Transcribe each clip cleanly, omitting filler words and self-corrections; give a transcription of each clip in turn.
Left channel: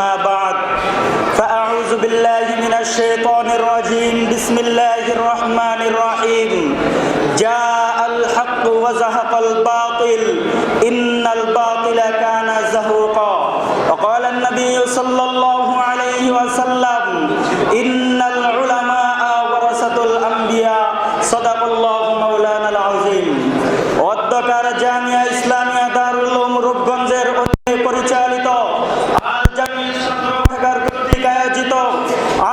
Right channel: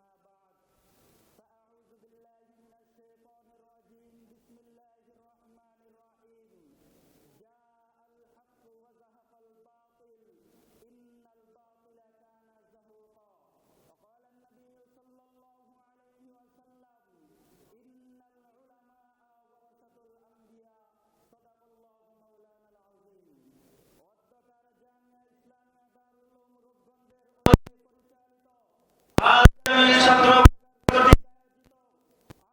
أما بعد فأعوذ بالله من الشيطان الرجيم بسم الله الرحمن الرحيم جاء الحق وزهق الباطل إن الباطل كان زهوقا وقال النبي صلى الله عليه وسلم إن العلماء ورثة الأنبياء صدق الله مولانا العظيم অধ্যকার জামিয়া ইসলামিয়া দারুল উলুম রূপগঞ্জের পরিচালিত আল জামিয়া শাখার কর্তৃক আয়োজিত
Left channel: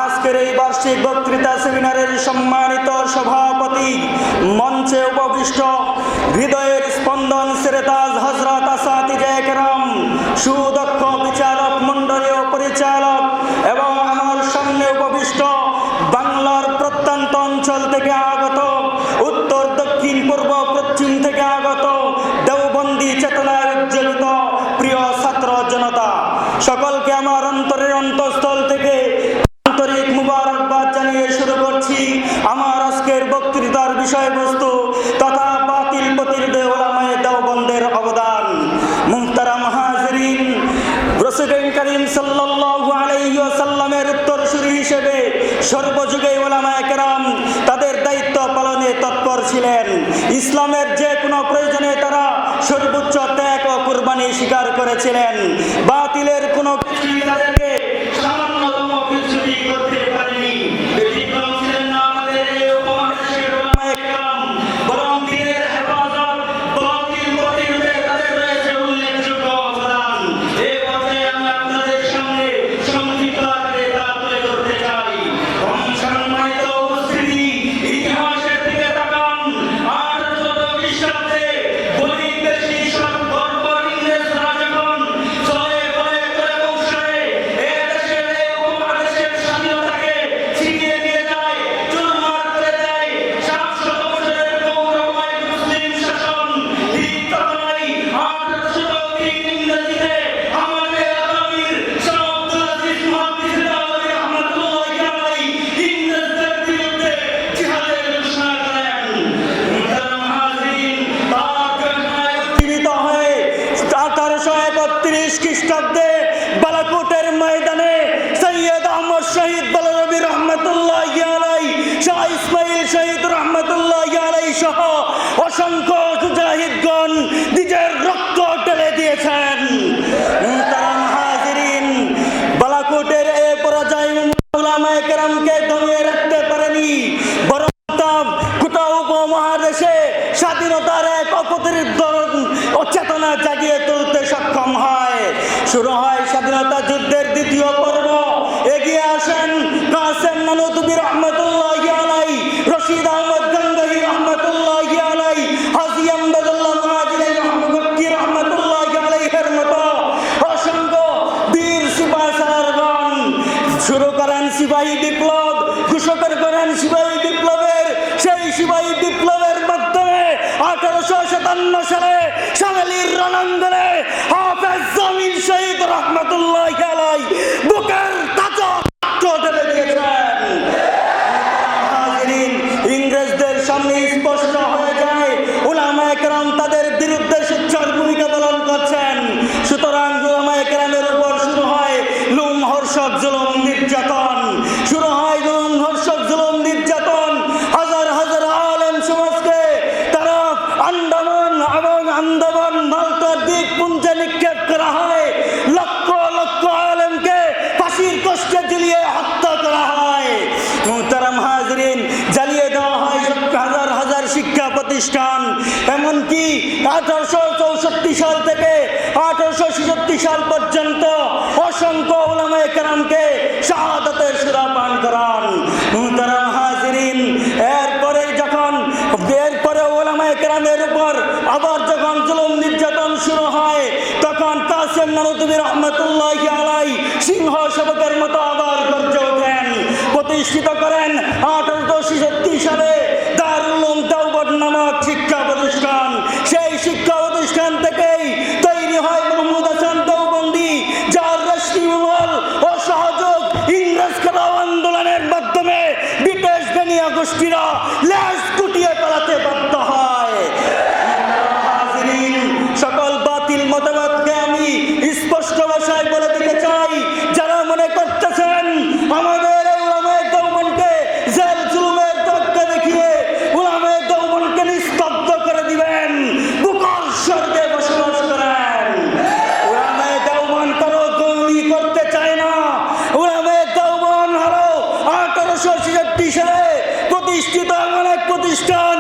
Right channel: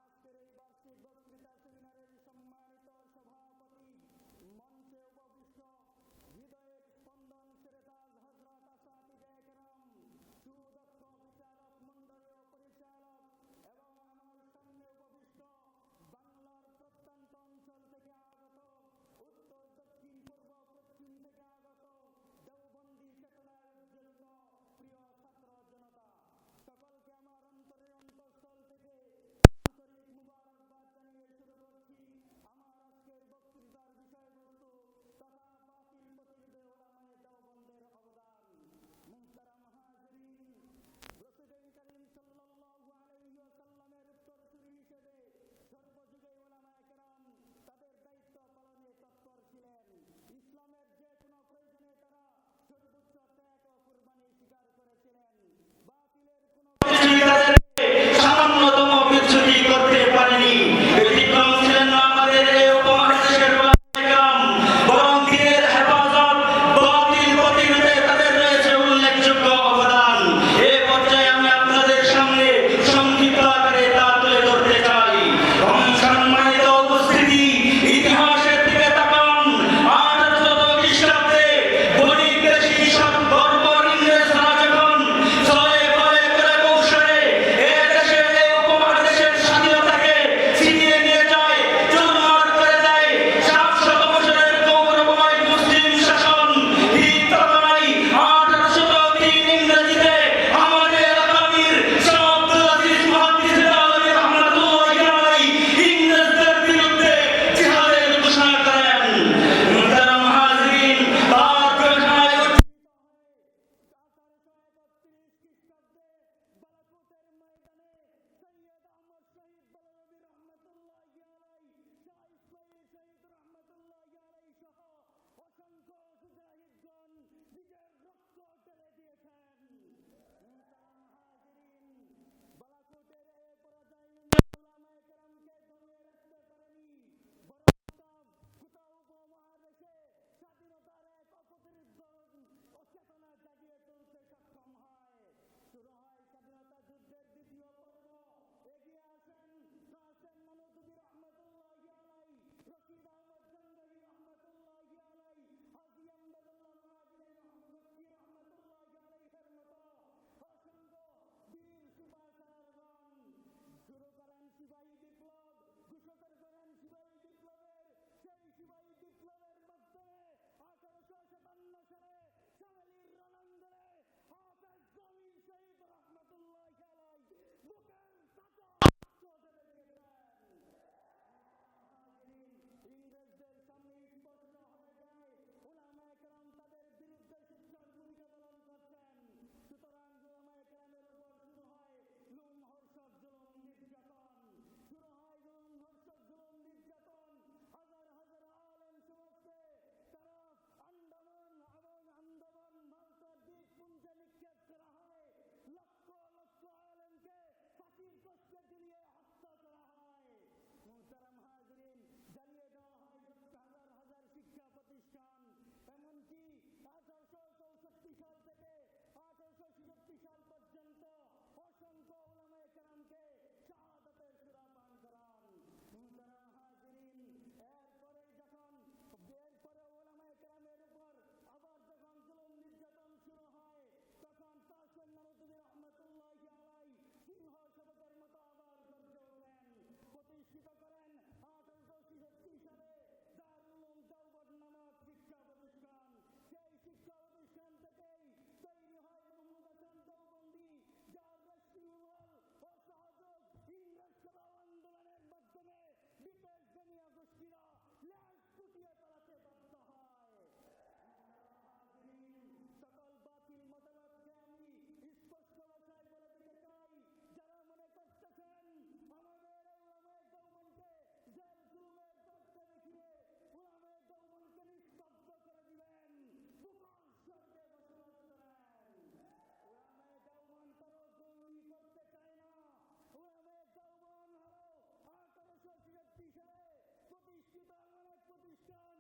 আজকের এই বার্ষিক বক্তৃতা সেমিনারের সম্মানিত সভাপতি, মঞ্চে উপবিষ্ট হৃদয়ের স্পন্দন সেরেতাজ হযরত আসাতিজে কেরাম, সুদক্ষ বিচারক মণ্ডলী ও পরিচালক এবং আমার সামনে উপবিষ্ট বাংলার প্রত্যন্ত অঞ্চল থেকে আগত, উত্তর দক্ষিণ পূর্ব পশ্চিম থেকে আগত দেওবন্দি চেতনায় উজ্জ্বলিত প্রিয় ছাত্র জনতা, সকলকে আমার অন্তরের অন্তঃস্থল থেকে আন্তরিক মুবারকবাদ জানিয়ে শুরু করছি আমার আজকের বক্তৃতার বিষয়বস্তু তথা বাতিল প্রতিরোধে উলামায়ে দেওবন্দের অবদান। মুহতারাম হাজিরিন, রাসূল করিম সাল্লাল্লাহু আলাইহি ওয়াসাল্লামের উত্তরসূরি হিসেবে সর্বযুগে উলামায়ে কেরাম তাদের দায়িত্ব পালনে তৎপর ছিলেন। ইসলামের যে কোনো প্রয়োজনে তারা সর্বোচ্চ ত্যাগ ও কুরবানি স্বীকার করেছিলেন। বাতিলের কোনো কিছুই তাদেরকে সামান্যতম কিছুই করতে পারেনি। ব্যতিক্রম ছিলেন না আমাদের এই উপমহাদেশের উলামায়ে কেরাম, বরং দ্বীনের হেফাজত, বাতিল প্রতিরোধে তাদের রয়েছে উল্লেখযোগ্য অবদান। এই পর্যায়ে আমি আপনাদের সামনে সংক্ষিপ্ত আকারে তা তুলে ধরতে চাই। সম্মানিত উপস্থিতি, ইতিহাসের দিকে তাকান। 1800 খ্রিস্টাব্দে বণিক দেশী সব বর্বর ইংরেজরা যখন ছলে বলে করে কৌশলে এ দেশের এই উপমহাদেশের স্বাধীনতাকে ছিনিয়ে নিয়ে যায়, চুরমার করে দেয়, 700 বছরের গৌরবময় মুসলিম শাসন, ঠিক তখনই 1803 ইংরেজিতে আমাদের আমির শাহ আব্দুল আজিজ মুহাদ্দিস দেওবন্দি রহমাতুল্লাহি আলাইহি ইংরেজদের বিরুদ্ধে জিহাদের ঘোষণা করেন। মুহতারাম হাজিরিন, তার ঘোষণায় উজ্জীবিত হয়ে 1831 খ্রিস্টাব্দে বালাকোটের ময়দানে সৈয়দ আহমদ শহীদ বলরবি রহমাতুল্লাহি আলাইহি, শাহ ইসমাইল শহীদ রহমাতুল্লাহি আলাইহি সহ অসংখ্য মুজাহিদগণ নিজের রক্ত ঢেলে দিয়েছেন। মুহতারাম হাজিরিন, বালাকোটের এই পরাজয় উলামায়ে কেরামকে দমিয়ে রাখতে পারেনি, বরং গোটা উপমহাদেশে স্বাধীনতার এক অপ্রতিরোধ্য চেতনা জাগিয়ে তুলতে সক্ষম হয়। শুরু হয় স্বাধীনতা যুদ্ধের দ্বিতীয় পর্ব। এগিয়ে আসেন কাসেম নানুতুবি রহমাতুল্লাহি আলাইহি, রশিদ আহমদ গঙ্গোহী রহমাতুল্লাহি আলাইহি, হাজী আমদাদুল্লাহ মুহাজির রহমাতুল্লাহি আলাইহির মতো অসংখ্য বীর সিপাহসালারগণ শুরু করেন সিপাহী বিপ্লব, ঘোষণা করেন সিপাহী বিপ্লবের। সেই সিপাহী বিপ্লবের মাধ্যমে 1857 সালে শামেলির রণাঙ্গনে হাফেজ জামিল শহীদ রহমাতুল্লাহি আলাইহি বুকের তাজা রক্ত ঢেলে দিয়েছেন। হাজিরিন, ইংরেজদের সামনে স্পষ্ট হয়ে যায় উলামায়ে কেরাম তাদের বিরুদ্ধে সোচ্চার ভূমিকা পালন করছেন। সুতরাং উলামায়ে কেরামের উপর শুরু হয় লোমহর্ষক জুলুম নির্যাতন, শুরু হয় লোমহর্ষক জুলুম নির্যাতন। হাজার হাজার আলেম সমাজকে তারা আন্দামান এবং আন্দামান মালটার দ্বীপপুঞ্জে নিক্ষেপ করা হয়। লক্ষ লক্ষ আলেমকে ফাঁসির কষ্টে ঝুলিয়ে হত্যা করা হয়। মুহতারাম হাজিরিন, জ্বালিয়ে দেওয়া হয় হাজার হাজার শিক্ষা প্রতিষ্ঠান। এমনকি 1864 সাল থেকে 1866 সাল পর্যন্ত অসংখ্য উলামায়ে কেরামকে শাহাদাতের সুরা পান করান। মুহতারাম হাজিরিন, এরপরে উলামায়ে কেরামের উপর আবার যখন জুলুম নির্যাতন শুরু হয়, তখন কাসেম নানুতুবি রহমাতুল্লাহি আলাইহি সিংহ শাবকের মতো আবার গর্জে ওঠেন, প্রতিষ্ঠিত করেন 1866 সালে দারুল উলুম দেওবন্দ নামক শিক্ষা প্রতিষ্ঠান। সেই শিক্ষা প্রতিষ্ঠান থেকেই তৈরি হয় মোহাম্মদ হাসান দেওবন্দি, যার রাষ্ট্রীয়মহল ও সহযোগ ইংরেজ খেলাও আন্দোলনের মাধ্যমে ব্রিটিশ বেনিয়া গোষ্ঠীরা লেজ গুটিয়ে পালাতে বাধ্য হয়। সকল বাতিল মতবাদকে আমি স্পষ্ট ভাষায় বলে দিতে চাই, সালে প্রতিষ্ঠিত এমন এক প্রতিষ্ঠান